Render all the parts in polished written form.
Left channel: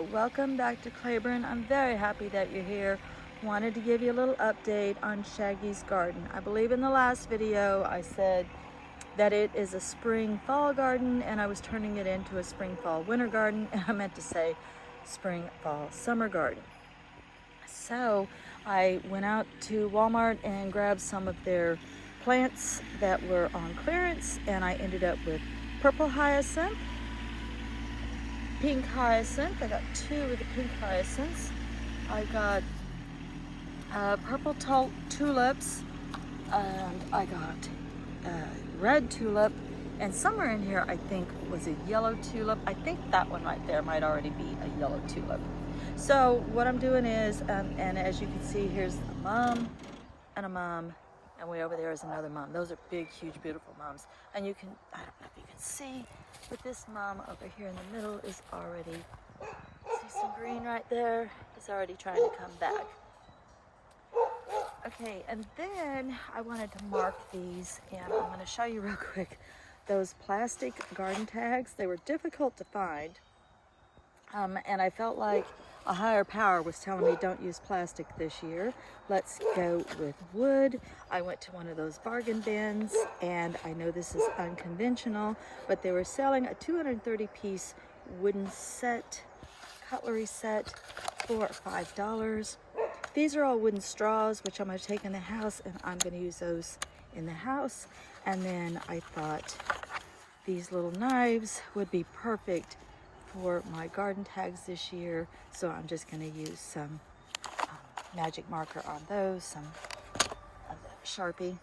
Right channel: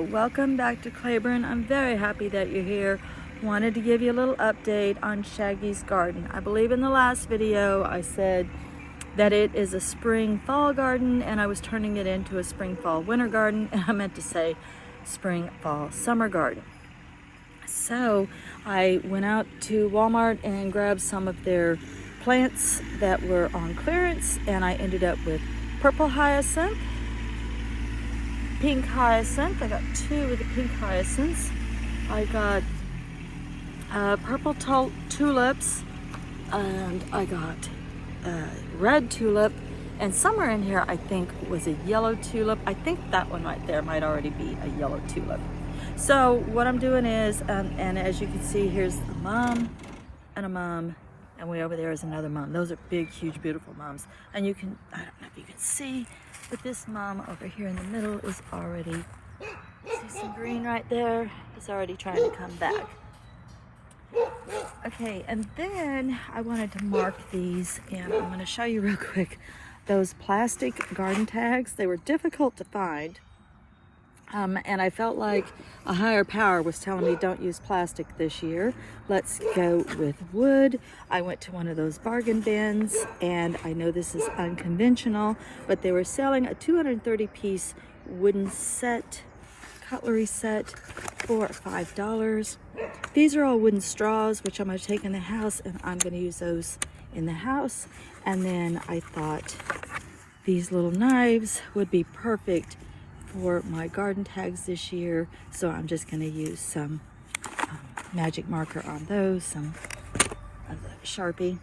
welcome back to Claiborne. I'm very happy that you're here. Wanted to give you a little update on Shaggy's garden. I believe in the last video I said that it is a spring fall garden and I was turning it into a spring fall winter garden, and I meant to say spring fall summer garden. So I went out to Walmart and grabbed some of their plants that were on clearance, and I ended up with purple hyacinth, pink hyacinth. I got two of the pink hyacinths. I got purple tulips, and I got red tulip, and somewhere in here I think was a yellow tulip. I think that one right there might already be a yellow tulip. So what I'm doing is, and as you can see, here's a mom and a mom, and way over there is another mom. Those are big, huge, beautiful moms. And you can, I don't know if you can see, but this mom over here in the middle is already, see some green right there? Is already trying to come back. Okay, and then I wanted to mark these, and I'm going to show you real quick those plastic garden tags. They were difficult to find, and I felt like a higher power was telling me don't use plastic this year. Let's go with wood. I went to one of those bargain bins, and I know this is unconventional, but they were selling a 230-piece wooden set, cutlery set, for $5. These are all wooden straws, which I'm going to take in the house, and I'm going to use those in the house. And then I thought these little knives would be perfect for my garden tags this year, so I'm just going to use some magic marker on those, some of the Sharpie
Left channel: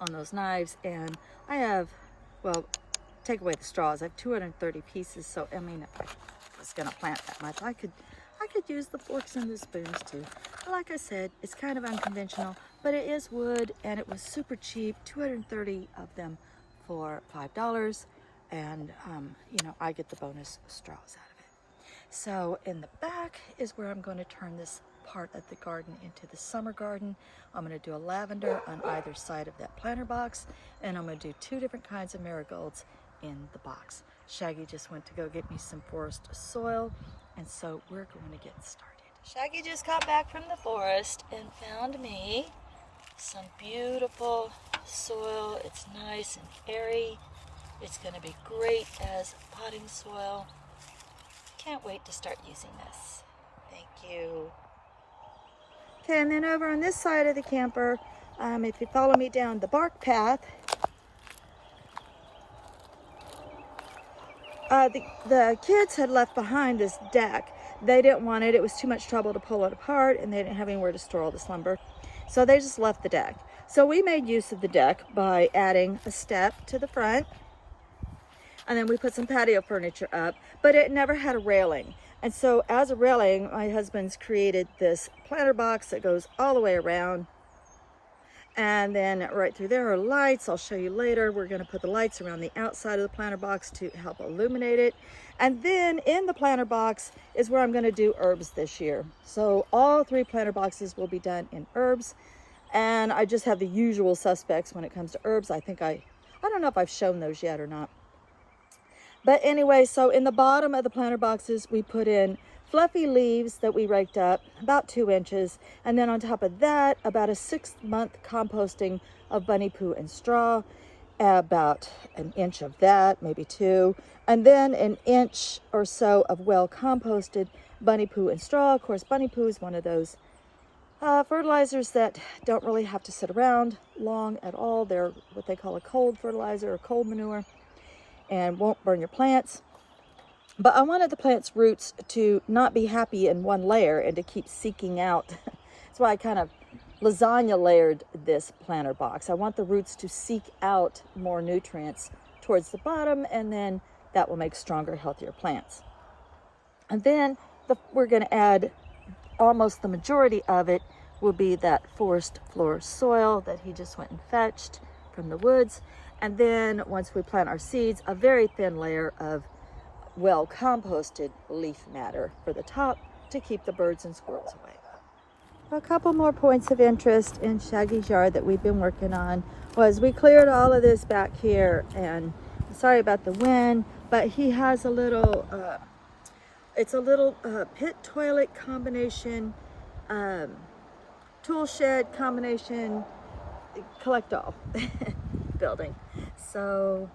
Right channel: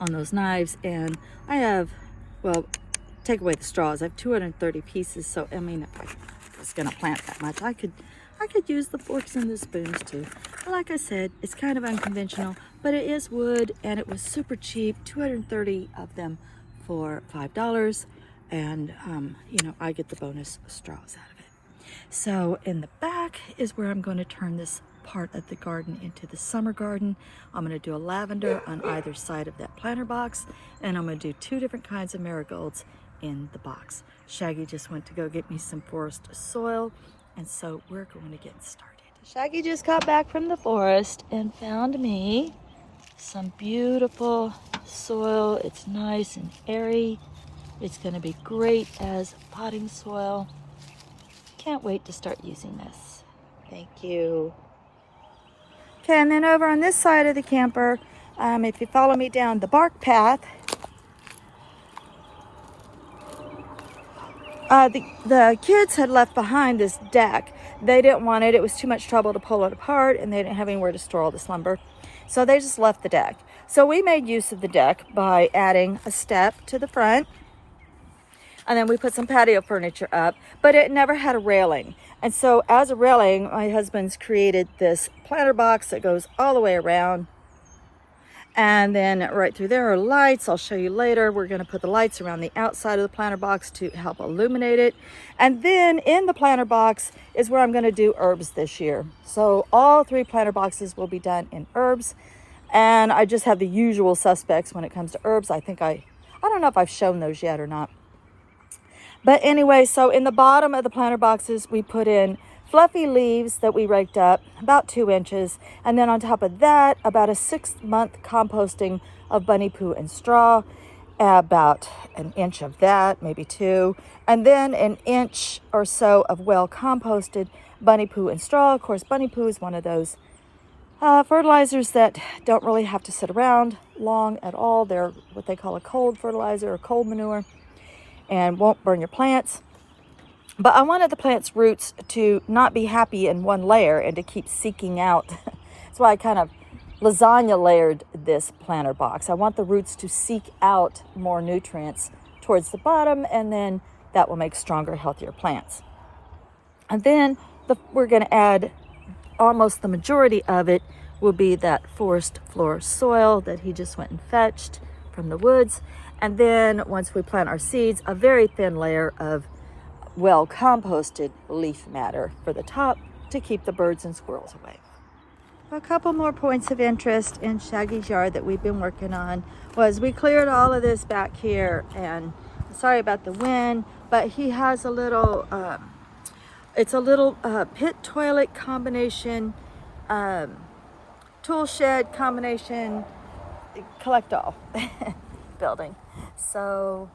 on those knives. And I have, well, take away the straws, I have 230 pieces, so I mean, if I was going to plant that much, I could use the forks and the spoons too. Like I said, it's kind of unconventional, but it is wood, and it was super cheap, 230 of them for $5. And you know, I get the bonus straws out of it. So in the back is where I'm going to turn this part of the garden into the summer garden. I'm going to do a lavender on either side of that planter box, and I'm going to do two different kinds of marigolds in the box. Shaggy just went to go get me some forest soil, and so we're going to get started. Shaggy just got back from the forest and found me some beautiful soil. It's nice and airy. It's going to be great as potting soil. Can't wait to start using this. Thank you. Okay, and then over on this side of the camper, if you follow me down the bark path, the kids had left behind this deck. They didn't want it. It was too much trouble to pull it apart, and they didn't have anywhere to store all this lumber. So they just left the deck. So we made use of the deck by adding a step to the front, and then we put some patio furniture up, but it never had a railing. And so as a railing, my husband's created this planter box that goes all the way around. And then right through there are lights. I'll show you later. We're going to put the lights around the outside of the planter box to help illuminate it. And then in the planter box is where I'm going to do herbs this year. So all three planter boxes will be done in herbs. And I just have the usual suspects when it comes to herbs. I don't know if I've shown those yet or not. But anyway, so in the bottom of the planter boxes, we put in fluffy leaves that we raked up, about 2 inches. And then on top of that, about a 6-month composting of bunny poo and straw, about an inch of that, maybe 2. And then an inch or so of well composted bunny poo and straw. Of course, bunny poo is one of those fertilizers that don't really have to sit around long at all. They're what they call a cold fertilizer or cold manure, and won't burn your plants. But I wanted the plant's roots to not be happy in one layer and to keep seeking out. That's why I kind of lasagna layered this planter box. I want the roots to seek out more nutrients towards the bottom, and then that will make stronger, healthier plants. And then we're going to add, almost the majority of it will be that forest floor soil that he just went and fetched from the woods. And then once we plant our seeds, a very thin layer of well composted leaf matter for the top to keep the birds and squirrels away. A couple more points of interest in Shaggy's yard that we've been working on was we cleared all of this back here, and sorry about the wind, but he has a little It's a little pit toilet combination, tool shed combination, collect all building. So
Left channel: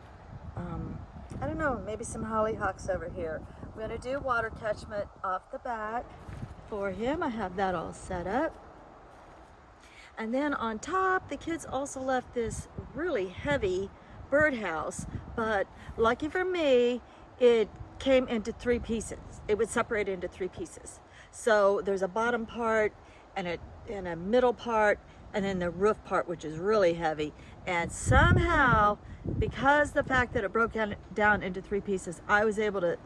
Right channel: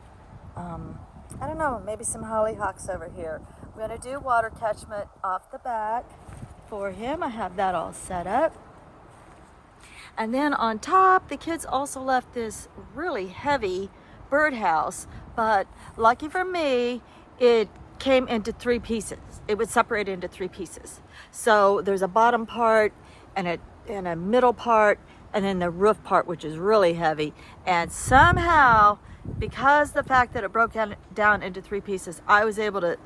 I don't know, maybe some hollyhocks over here. We're gonna do water catchment off the back for him. I have that all set up. And then on top, the kids also left this really heavy birdhouse, but lucky for me, it came into 3 pieces. It would separate into 3 pieces. So there's a bottom part and a middle part, and then the roof part, which is really heavy. And somehow, because the fact that it broke down into 3 pieces, I was able to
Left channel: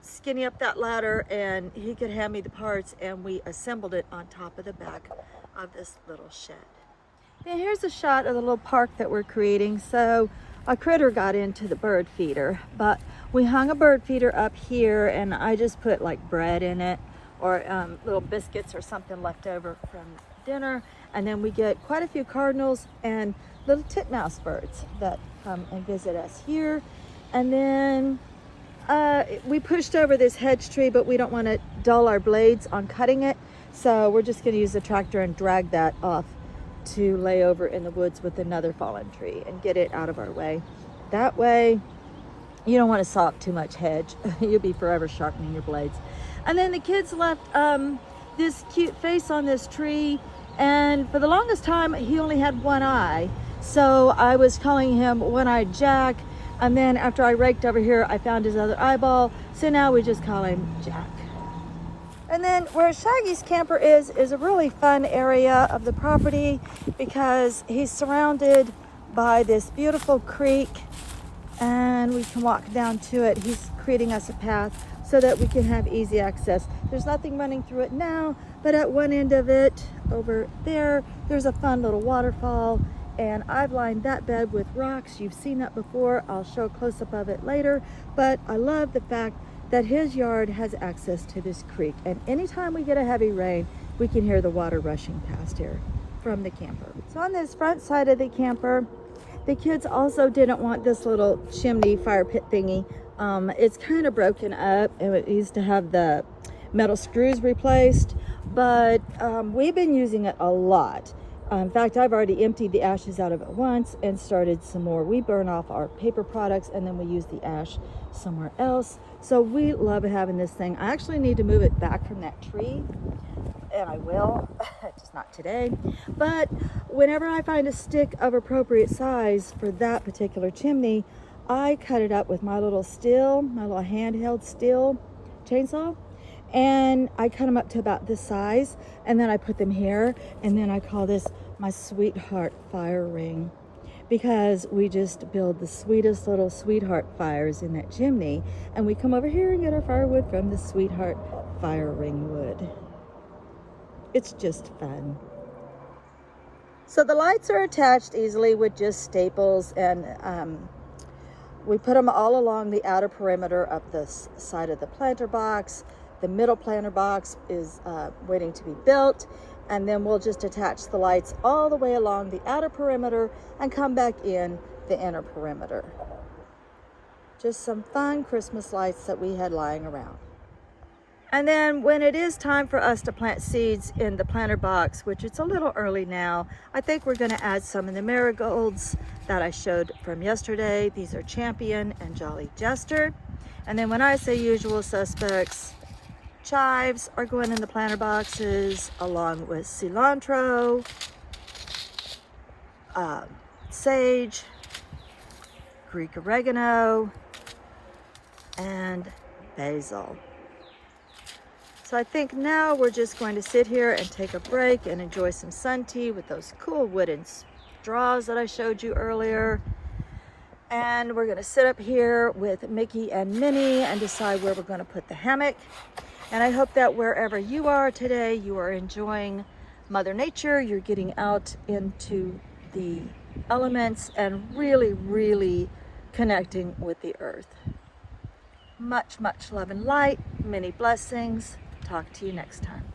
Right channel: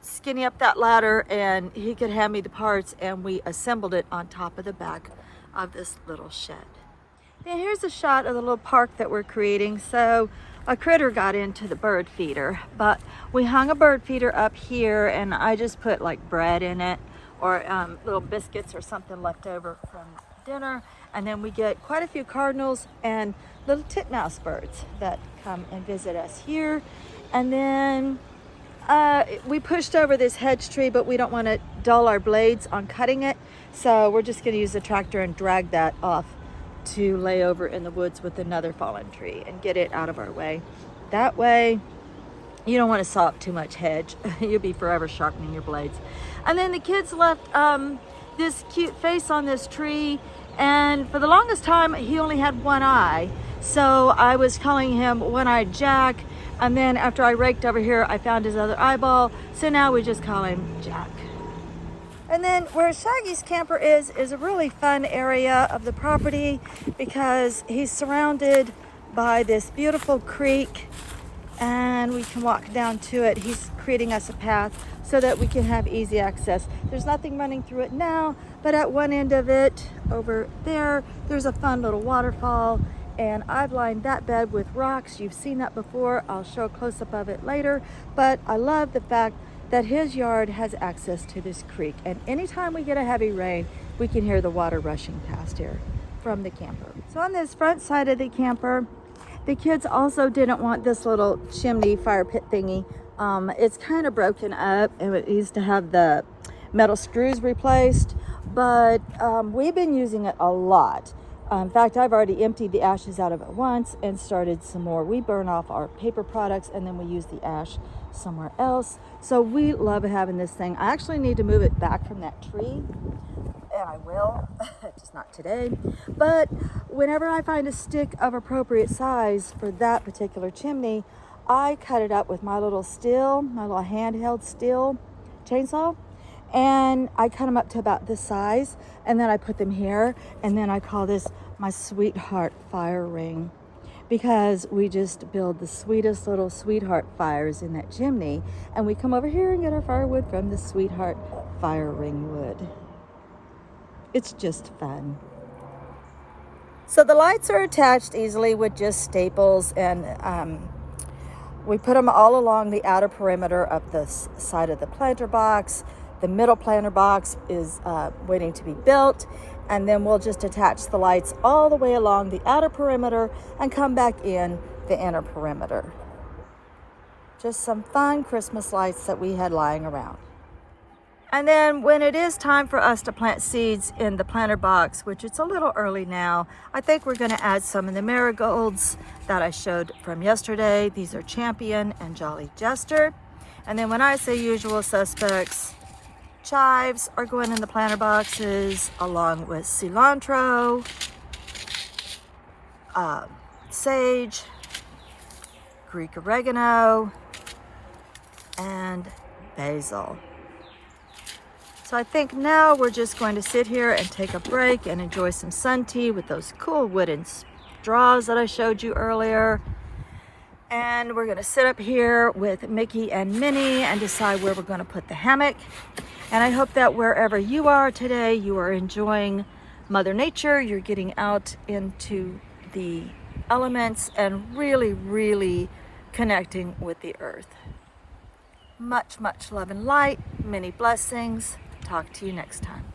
skinny up that ladder, and he could hand me the parts, and we assembled it on top of the back of this little shed. And here's a shot of the little park that we're creating. So a critter got into the bird feeder, but we hung a bird feeder up here, and I just put like bread in it, or little biscuits or something left over from dinner. And then we get quite a few cardinals and little titmouse birds that come and visit us here. And then we pushed over this hedge tree, but we don't want to dull our blades on cutting it. So we're just going to use the tractor and drag that off to lay over in the woods with another fallen tree and get it out of our way. That way, you don't want to saw up too much hedge. You'll be forever sharpening your blades. And then the kids left this cute face on this tree, and for the longest time, he only had one eye. So I was calling him One-Eyed Jack, and then after I raked over here, I found his other eyeball. So now we just call him Jack. And then where Shaggy's camper is a really fun area of the property because he's surrounded by this beautiful creek, and we can walk down to it. He's creating us a path so that we can have easy access. There's nothing running through it now, but at one end of it over there, there's a fun little waterfall, and I've lined that bed with rocks. You've seen that before. I'll show a close-up of it later, but I love the fact that his yard has access to this creek, and anytime we get a heavy rain, we can hear the water rushing past here from the camper. So on this front side of the camper, the kids also didn't want this little chimney fire pit thingy. It's kind of broken up, and it needs to have the metal screws replaced, but we've been using it a lot. In fact, I've already emptied the ashes out of it once and started some more. We burn off our paper products, and then we use the ash somewhere else. So we love having this thing. I actually need to move it back from that tree, and I will, just not today. But whenever I find a stick of appropriate size for that particular chimney, I cut it up with my little steel, my little handheld steel chainsaw, and I cut them up to about this size, and then I put them here, and then I call this my sweetheart fire ring, because we just build the sweetest little sweetheart fires in that chimney, and we come over here and get our firewood from the sweetheart fire ring wood. It's just fun. So the lights are attached easily with just staples, and we put them all along the outer perimeter of the side of the planter box. The middle planter box is waiting to be built, and then we'll just attach the lights all the way along the outer perimeter and come back in the inner perimeter. Just some fun Christmas lights that we had lying around. And then when it is time for us to plant seeds in the planter box, which it's a little early now, I think we're gonna add some of the marigolds that I showed from yesterday. These are Champion and Jolly Jester. And then when I say usual suspects, chives are going in the planter boxes, along with cilantro, sage, Greek oregano, and basil. So I think now we're just going to sit here and take a break and enjoy some sun tea with those cool wooden straws that I showed you earlier. And we're gonna sit up here with Mickey and Minnie and decide where we're gonna put the hammock. And I hope that wherever you are today, you are enjoying Mother Nature, you're getting out into the elements and really, really connecting with the earth. Much, much love and light, many blessings. Talk to you next time.